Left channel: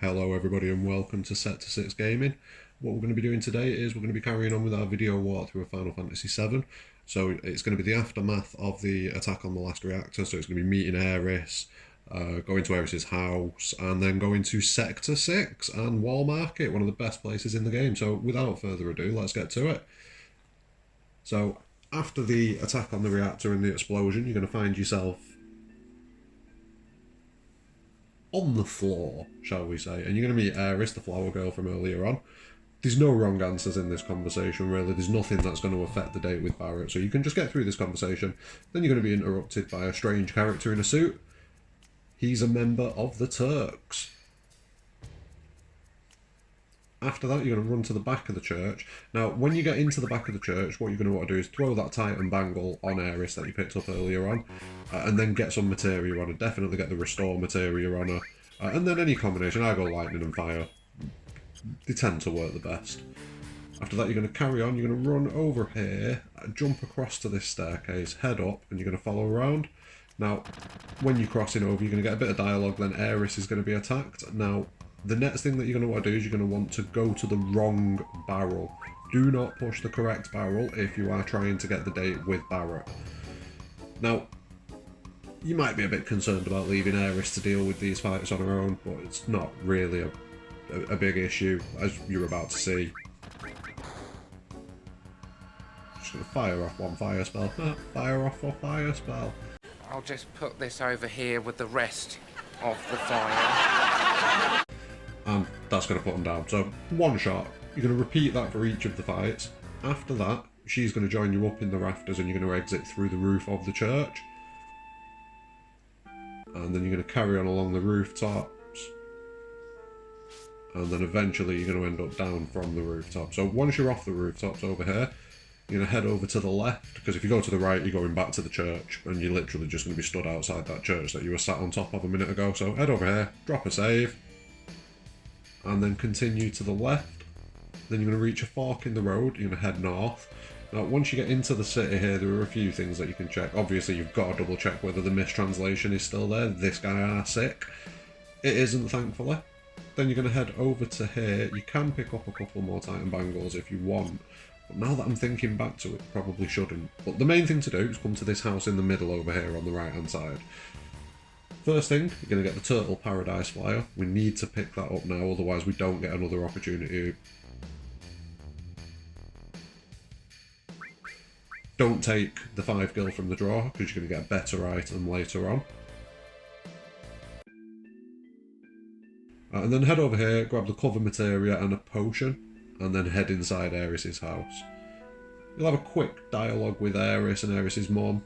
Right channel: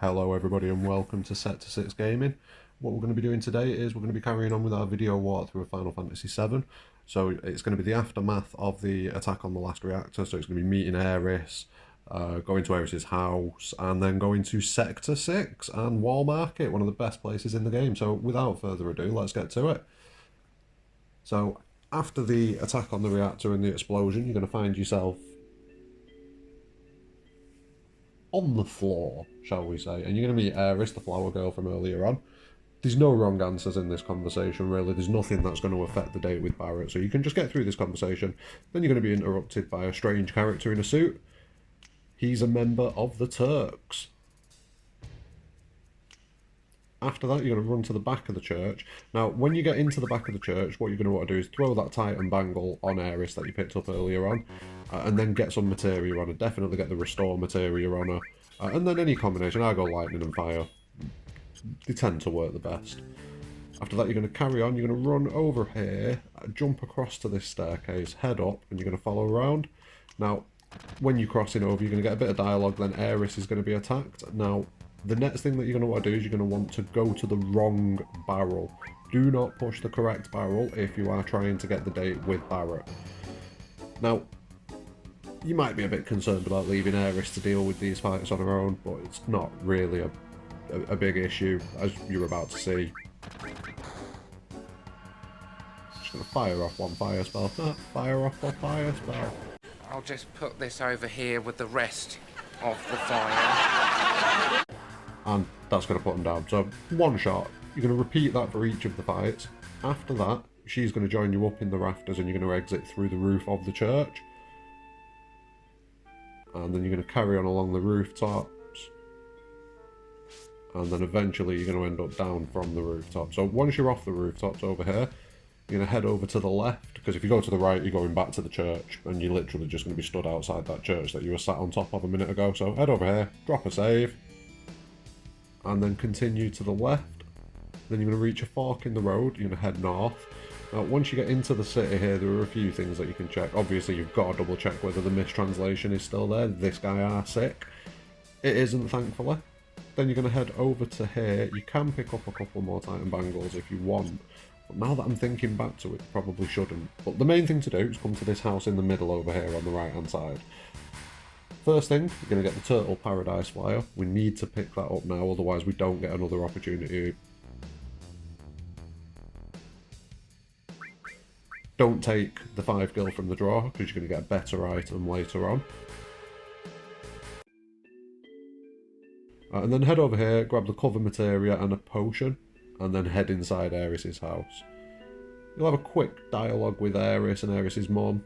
Hello everybody and welcome to Set to 6 Gaming. What we're going to be doing today is we're going to be carrying on with our video walkthrough of Final Fantasy VII. So it's going to be the aftermath of the attack on the last reactor, so it's going to be meeting Aeris, going to Aeris' house, and then going to Sector 6 and Wall Market, one of the best places in the game. So without further ado, let's get to it. So after the attack on the reactor and the explosion, you're going to find yourself on the floor, shall we say, and you're going to meet Aeris, the flower girl from earlier on. There's no wrong answers in this conversation, really. There's nothing that's going to affect the date with Barrett, so you can just get through this conversation. Then you're going to be interrupted by a strange character in a suit. He's a member of the Turks. After that, you're going to run to the back of the church. Now, when you get into the back of the church, what you're going to want to do is throw that Titan bangle on Aeris that you picked up earlier on, and then get some materia on her. Definitely get the restore materia on her. And then any combination. I go lightning and fire. They tend to work the best. After that, you're going to carry on. You're going to run over here, jump across to this staircase, head up, and you're going to follow around. Now, when you're crossing over, you're going to get a bit of dialogue, then Aeris is going to be attacked. Now, the next thing that you're going to want to do is you're going to want to go to the wrong barrel. Do not push the correct barrel if you are trying to get the date with Barrett. Now, you might be a bit concerned about leaving Aeris to deal with these fights on her own, but it's not really a big issue, as you're about to see. Just going to fire off one fire spell. Fire off one fire spell. I'll just put this over here with the rest of the fire. And that's going to put them down. So, one shot. You're going to repeat that for each of the fights. After that, she's going to join you up in the rafters and you're going to exit through the roof of the church. And then you're going to carry on along the rooftops. And then eventually you're going to end up down from the rooftop. So once you're off the rooftops over here, you're going to head over to the left, because if you go to the right, you're going back to the church, and you're literally just going to be stood outside that church that you were sat on top of a minute ago. So head over here, drop a save, and then continue to the left. Then you're going to reach a fork in the road, you're going to head north. Now, once you get into the city here, there are a few things that you can check. Obviously, you've got to double check whether the mistranslation is still there. This guy are sick. It isn't, thankfully. Then you're going to head over to here. You can pick up a couple more Titan bangles if you want. But now that I'm thinking back to it, probably shouldn't. But the main thing to do is come to this house in the middle over here on the right-hand side. First thing, you're going to get the Turtle Paradise Flyer. We need to pick that up now, otherwise we don't get another opportunity. Don't take the 5 gil from the drawer, because you're going to get a better item later on. And then head over here, grab the cover materia and a potion, and then head inside Aeris' house. You'll have a quick dialogue with Aeris and Aeris' mom.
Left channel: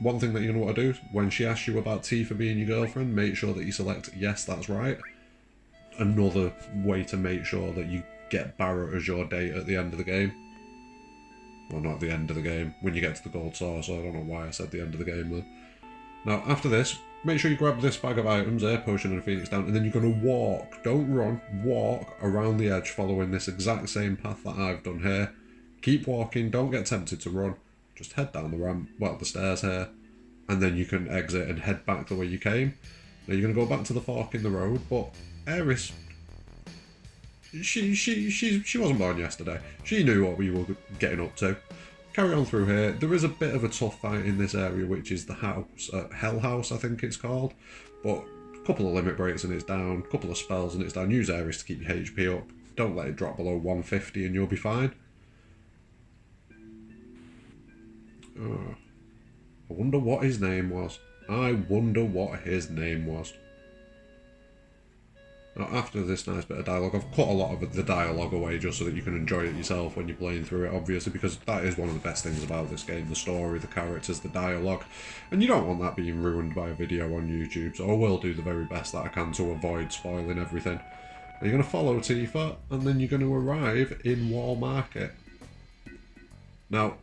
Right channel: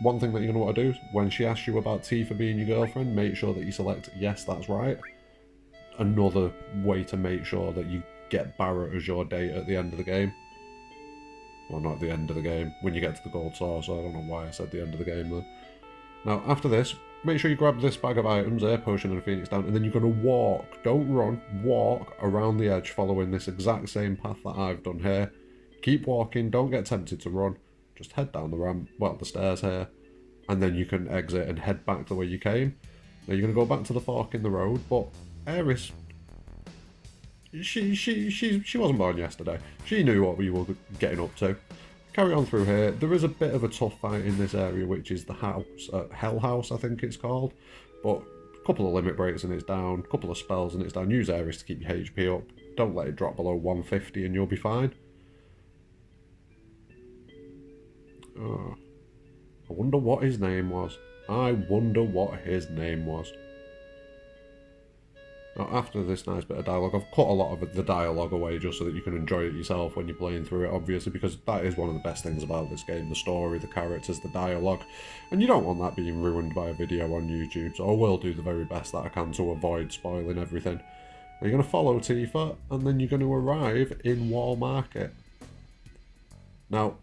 One thing that you're going to want to do is, when she asks you about Tifa being your girlfriend, make sure that you select yes, that's right. Another way to make sure that you get Barrett as your date at the end of the game. Well, not at the end of the game, when you get to the gold source. I don't know why I said the end of the game though. Now, after this, make sure you grab this bag of items, air potion and phoenix down, and then you're going to walk, don't run, walk around the edge following this exact same path that I've done here. Keep walking, don't get tempted to run, just head down the ramp, well, the stairs here, and then you can exit and head back to where you came. Now you're going to go back to the fork in the road, but Aeris, she wasn't born yesterday. She knew what we were getting up to. Carry on through here. There is a bit of a tough fight in this area, which is the house, Hell House, I think it's called. But a couple of limit breaks and it's down, a couple of spells and it's down. Use Aeris to keep your HP up. Don't let it drop below 150 and you'll be fine. Oh, I wonder what his name was. I wonder what his name was. Now, after this nice bit of dialogue, I've cut a lot of the dialogue away just so that you can enjoy it yourself when you're playing through it, obviously, because that is one of the best things about this game, the story, the characters, the dialogue, and you don't want that being ruined by a video on YouTube, so I will do the very best that I can to avoid spoiling everything. Now, you're going to follow Tifa, and then you're going to arrive in Wall Market. Now,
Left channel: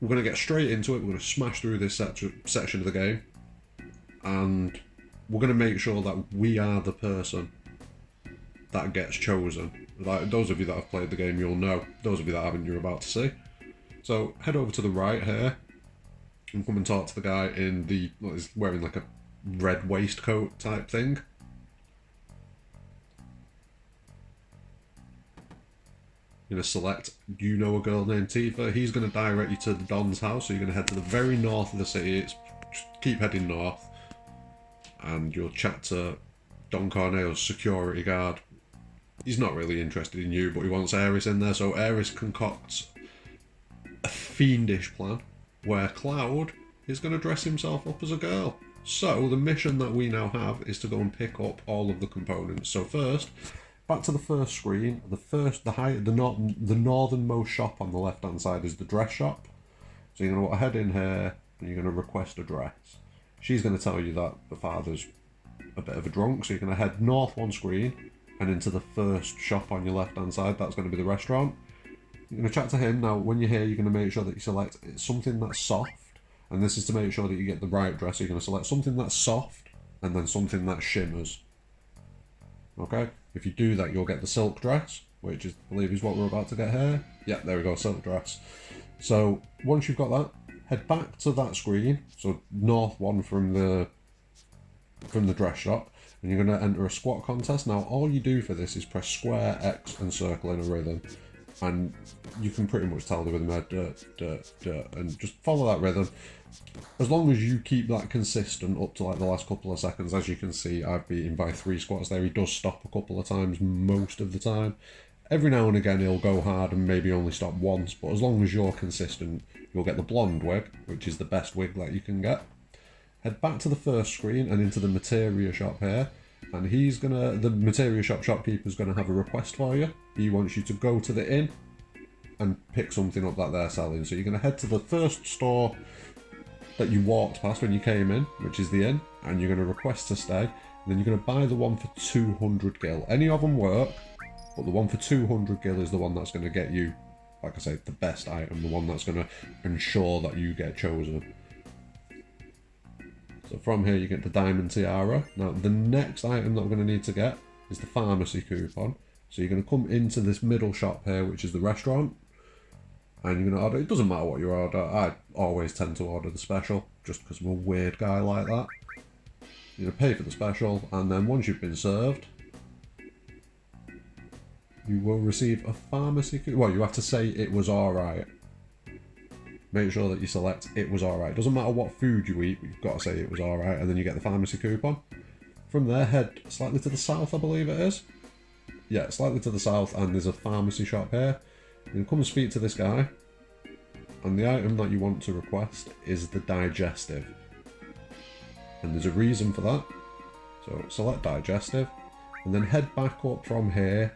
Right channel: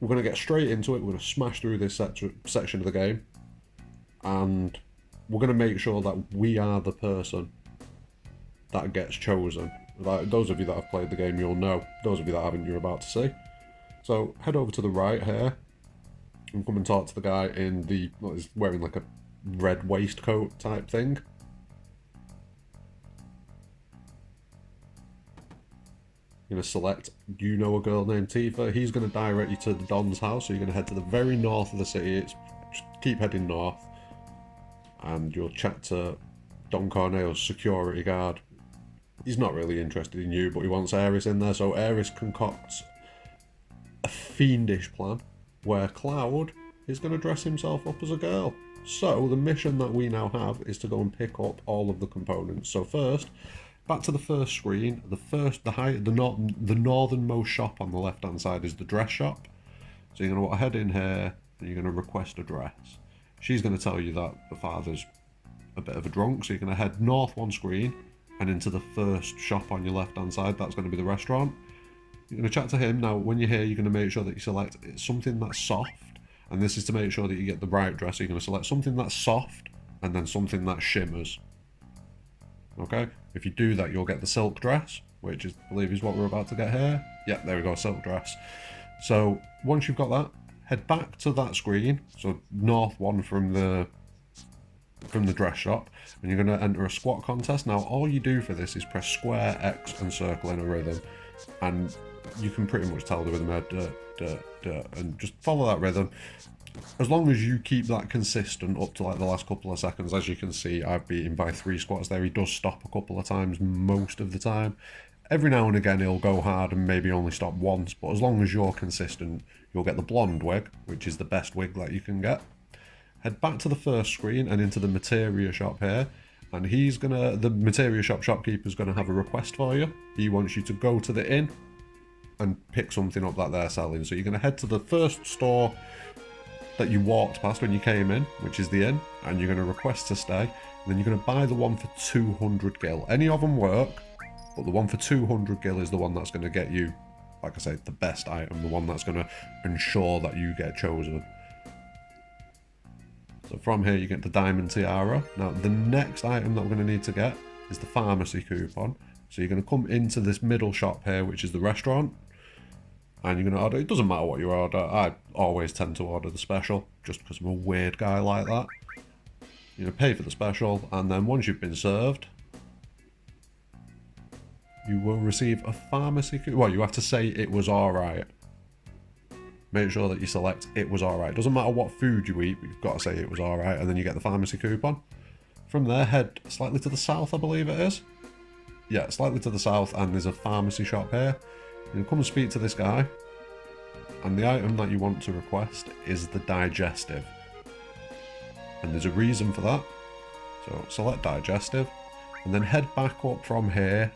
we're going to get straight into it, we're going to smash through this section of the game, and we're going to make sure that we are the person that gets chosen. Like, those of you that have played the game, you'll know. Those of you that haven't, you're about to see. So head over to the right here and come and talk to the guy in the, well, he's wearing like a red waistcoat type thing. You're going to select, you know a girl named Tifa. He's going to direct you to the Don's house. So you're going to head to the very north of the city. Just keep heading north. And you'll chat to Don Corneo's security guard. He's not really interested in you, but he wants Aeris in there. So Aeris concocts a fiendish plan where Cloud is going to dress himself up as a girl. So the mission that we now have is to go and pick up all of the components. So first, back to the first screen. The northernmost shop on the left-hand side is the dress shop. So you're going to head in here and you're going to request a dress. She's going to tell you that the father's a bit of a drunk, so you're going to head north one screen and into the first shop on your left-hand side. That's going to be the restaurant. You're going to chat to him. Now, when you're here, you're going to make sure that you select something that's soft. And this is to make sure that you get the right dress. So you're going to select something that's soft and then something that shimmers. Okay? If you do that, you'll get the silk dress, which is, I believe is what we're about to get here. Yeah, there we go, silk dress. So once you've got that, head back to that screen. So north one from the dress shop. And you're going to enter a squat contest. Now, all you do for this is press square, X, and circle in a rhythm. And you can pretty much tell the rhythm there, and just follow that rhythm. As long as you keep that consistent up to like the last couple of seconds, as you can see, I've beaten by 3 squats there. He does stop a couple of times most of the time. Every now and again he'll go hard and maybe only stop once, but as long as you're consistent, you'll get the blonde wig, which is the best wig that you can get. Head back to the first screen and into the materia shop here. And the materia shop shopkeeper's gonna have a request for you. He wants you to go to the inn and pick something up that they're selling. So you're gonna head to the first store that you walked past when you came in, which is the inn, and you're gonna request to stay. And then you're gonna buy the one for 200 gil. Any of them work, but the one for 200 gil is the one that's gonna get you, like I said, the best item, the one that's gonna ensure that you get chosen. So from here you get the diamond tiara. Now the next item that we're going to need to get is the pharmacy coupon. So you're going to come into this middle shop here, which is the restaurant. And you're going to order, it doesn't matter what you order, I always tend to order the special, just because I'm a weird guy like that. You're going to pay for the special, and then once you've been served, you will receive a pharmacy coupon. Well, you have to say it was alright. Make sure that you select it was alright. Doesn't matter what food you eat, but you've got to say it was alright, and then you get the pharmacy coupon. From there, head slightly to the south, I believe it is. Yeah, slightly to the south, and there's a pharmacy shop here. You come and speak to this guy, and the item that you want to request is the digestive. And there's a reason for that. So select digestive, and then head back up from here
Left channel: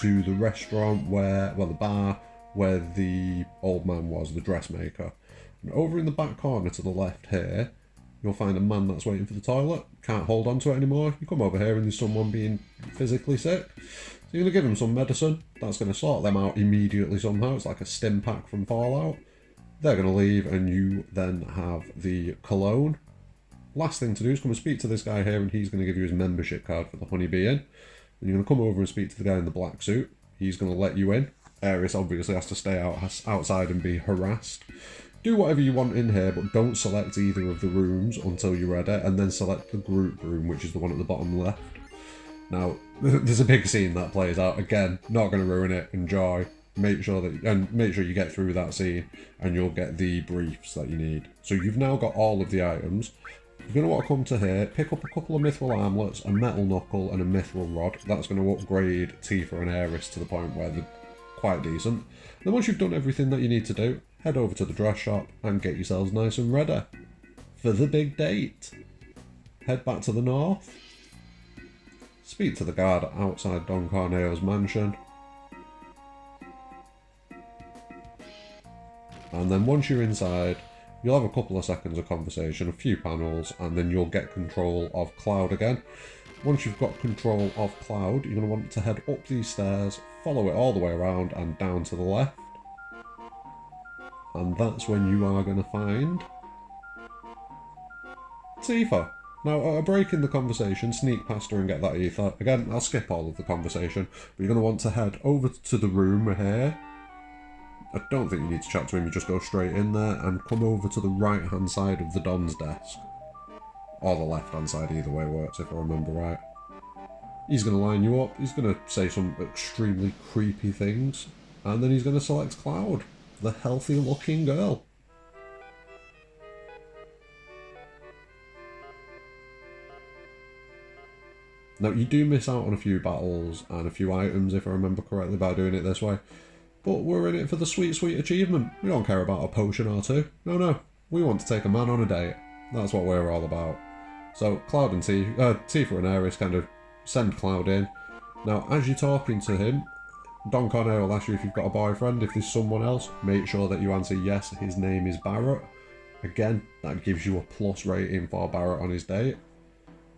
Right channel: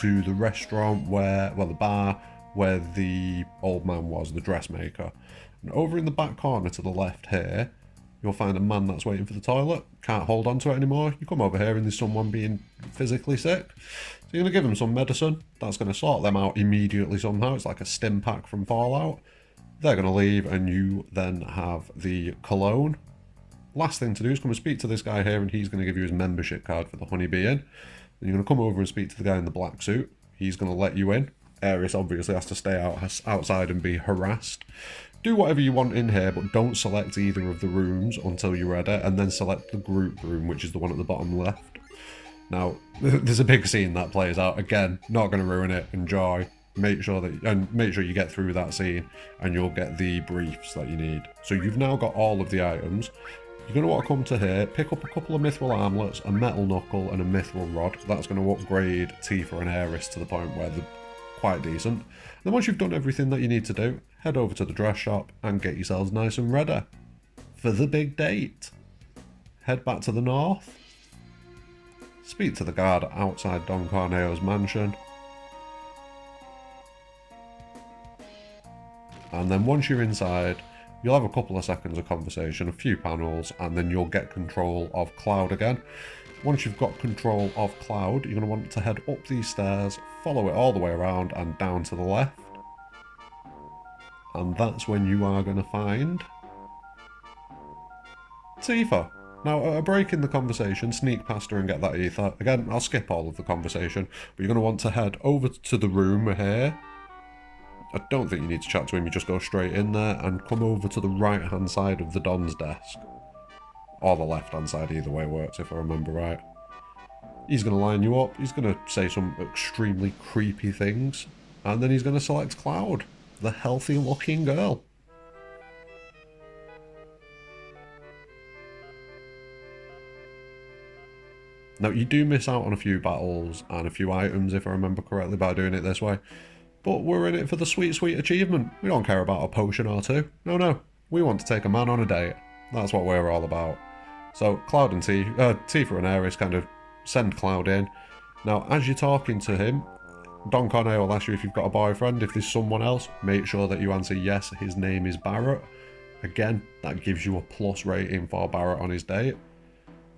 to the restaurant the bar, where the old man was, the dressmaker. And over in the back corner to the left here, you'll find a man that's waiting for the toilet. Can't hold on to it anymore. You come over here and there's someone being physically sick. So you're going to give them some medicine. That's going to sort them out immediately somehow. It's like a stim pack from Fallout. They're going to leave and you then have the cologne. Last thing to do is come and speak to this guy here, and he's going to give you his membership card for the Honeybee Inn. Then you're going to come over and speak to the guy in the black suit. He's going to let you in. Aeris obviously has to stay outside and be harassed. Do whatever you want in here, but don't select either of the rooms until you're ready, and then select the group room, which is the one at the bottom left. Now, there's a big scene that plays out. Again, not going to ruin it. Enjoy. Make sure you get through that scene, and you'll get the briefs that you need. So you've now got all of the items. You're going to want to come to here, pick up a couple of mithril armlets, a metal knuckle, and a mithril rod. That's going to upgrade Tifa and Aeris to the point where they're quite decent. Then once you've done everything that you need to do, head over to the dress shop and get yourselves nice and ready for the big date. Head back to the north, speak to the guard outside Don Corneo's mansion, and then once you're inside, you'll have a couple of seconds of conversation, a few panels, and then you'll get control of Cloud again. Once you've got control of Cloud, you're going to want to head up these stairs, follow it all the way around and down to the left. And that's when you are going to find Tifa. Now, at a break in the conversation, sneak past her and get that ether. Again, I'll skip all of the conversation, but you're going to want to head over to the room here. I don't think you need to chat to him, you just go straight in there and come over to the right-hand side of the Don's desk. Or the left-hand side, either way works if I remember right. He's going to line you up, he's going to say some extremely creepy things. And then he's going to select Cloud, the healthy looking girl. Now, you do miss out on a few battles and a few items, if I remember correctly, by doing it this way. But we're in it for the sweet, sweet achievement. We don't care about a potion or two. No. We want to take a man on a date. That's what we're all about. So, Cloud and Tifa and Aeris kind of send Cloud in. Now, as you're talking to him, Don Corneo will ask you if you've got a boyfriend. If there's someone else, make sure that you answer yes, his name is Barrett. Again, that gives you a plus rating for Barrett on his date.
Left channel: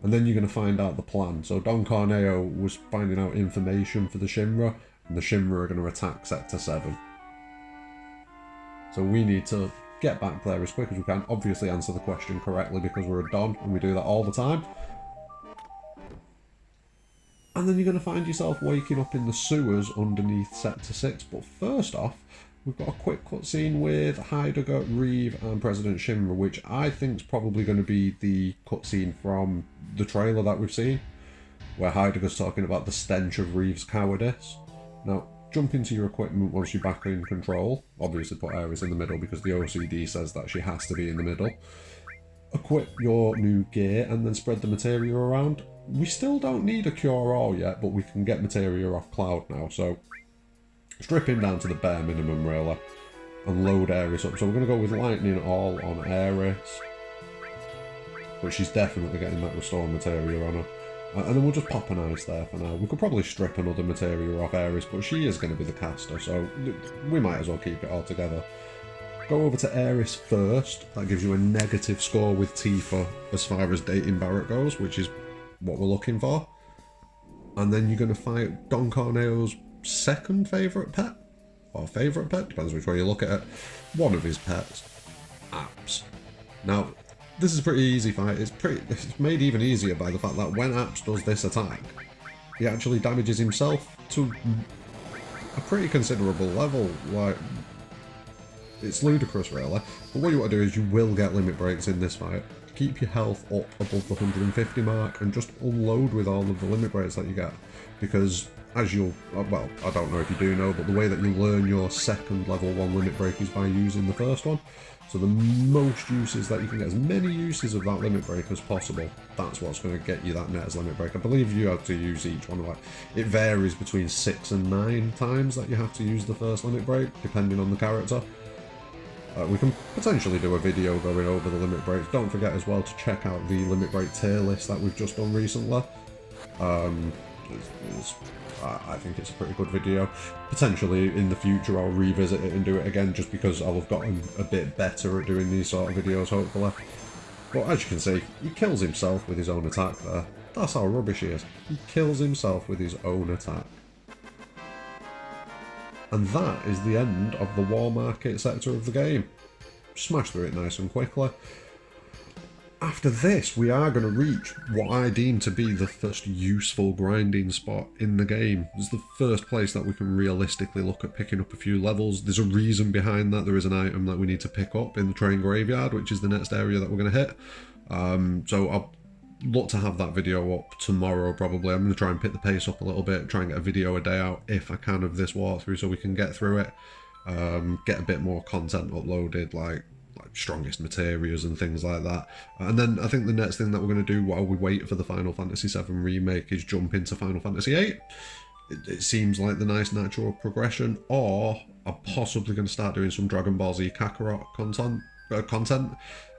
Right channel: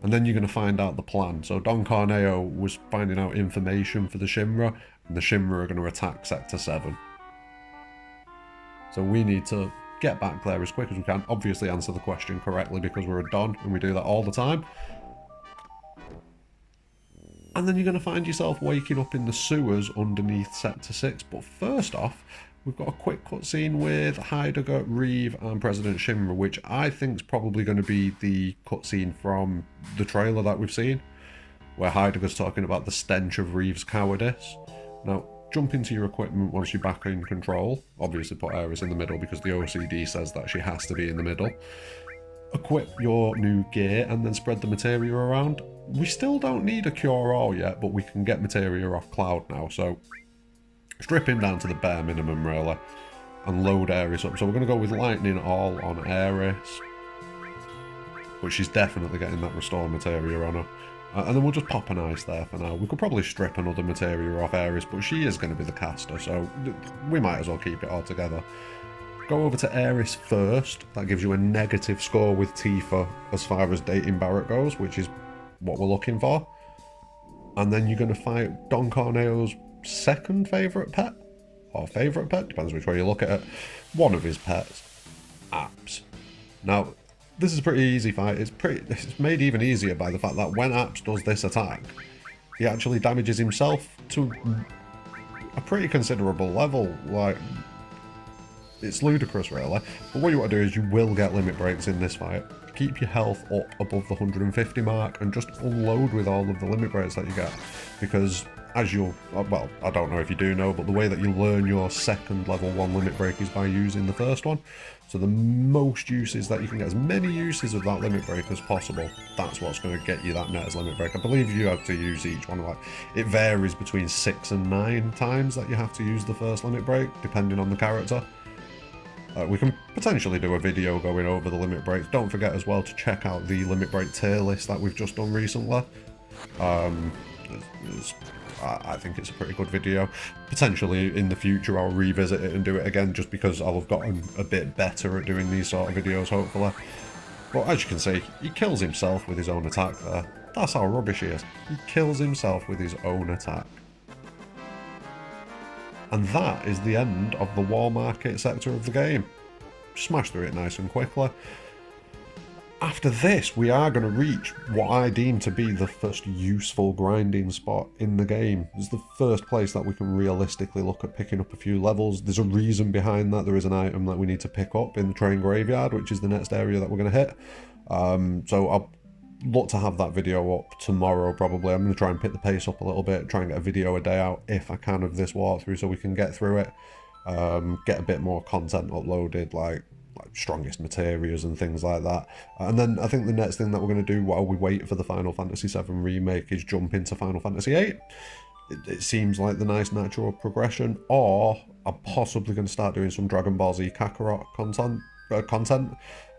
And then you're going to find out the plan. So Don Corneo was finding out information for the Shinra, and the Shinra are going to attack Sector 7. So we need to get back there as quick as we can. Obviously answer the question correctly because we're a Don and we do that all the time. And then you're going to find yourself waking up in the sewers underneath Sector 6. But first off, we've got a quick cutscene with Heidegger, Reeve and President Shinra, which I think is probably going to be the cutscene from the trailer that we've seen, where Heidegger's talking about the stench of Reeve's cowardice. Now, jump into your equipment once you're back in control. Obviously put Aeris in the middle because the OCD says that she has to be in the middle. Equip your new gear and then spread the materia around. We still don't need a cure-all yet, but we can get materia off Cloud now, so strip him down to the bare minimum really and load Aeris up. So we're going to go with Lightning All on Aeris, but she's definitely getting that restore materia on her. And then we'll just pop an ice there for now. We could probably strip another materia off Aeris, but she is going to be the caster, so we might as well keep it all together. Go over to Aeris first. That gives you a negative score with Tifa as far as dating Barrett goes, which is what we're looking for. And then you're going to fight Don Corneo's second favourite pet, or favourite pet, depends which way you look at it. One of his pets, Apps. Now, this is a pretty easy fight. It's made even easier by the fact that when Apps does this attack, he actually damages himself to a pretty considerable level. Like, it's ludicrous really. But what you want to do is you will get limit breaks in this fight. Keep your health up above the 150 mark and just unload with all of the limit breaks that you get. Because as you'll, well, I don't know if you do know, but the way that you learn your second level 1 limit break is by using the first one. So the most uses that you can get, as many uses of that limit break as possible, that's what's going to get you that net as limit break. I believe you have to use each one, like, it varies between 6 and 9 times that you have to use the first limit break, depending on the character. We can potentially do a video going over the limit breaks. Don't forget as well to check out the limit break tier list that we've just done recently. I think it's a pretty good video. Potentially in the future I'll revisit it and do it again, just because I'll have gotten a bit better at doing these sort of videos, hopefully. But as you can see, he kills himself with his own attack there. That's how rubbish he is. He kills himself with his own attack. And that is the end of the Wall Market sector of the game. Smash through it nice and quickly. After this, we are going to reach what I deem to be the first useful grinding spot in the game. It's the first place that we can realistically look at picking up a few levels. There's a reason behind that. There is an item that we need to pick up in the train graveyard, which is the next area that we're going to hit. So I'll look to have that video up tomorrow probably. I'm going to try and pick the pace up a little bit, try and get a video a day out if I can of this walkthrough so we can get through it. Get a bit more content uploaded, like strongest materials and things like that. And then I think the next thing that we're going to do while we wait for the Final Fantasy VII Remake is jump into Final Fantasy VIII. It seems like the nice natural progression, or I'm possibly going to start doing some Dragon Ball Z Kakarot content.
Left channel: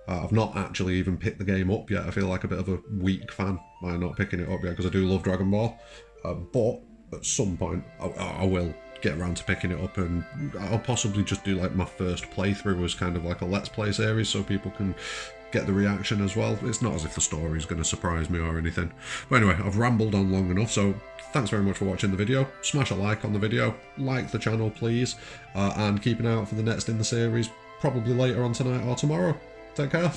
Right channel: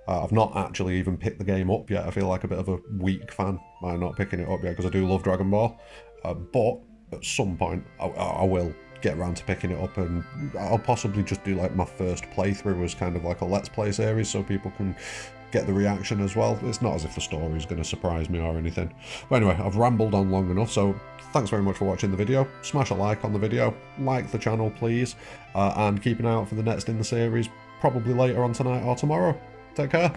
I've not actually even picked the game up yet. I feel like a bit of a weak fan by not picking it up yet because I do love Dragon Ball. But at some point I will get around to picking it up, and I'll possibly just do like my first playthrough as kind of like a Let's Play series so people can get the reaction as well. It's not as if the story is going to surprise me or anything. But anyway, I've rambled on long enough, so thanks very much for watching the video. Smash a like on the video, like the channel please, and keep an eye out for the next in the series, probably later on tonight or tomorrow. Take care.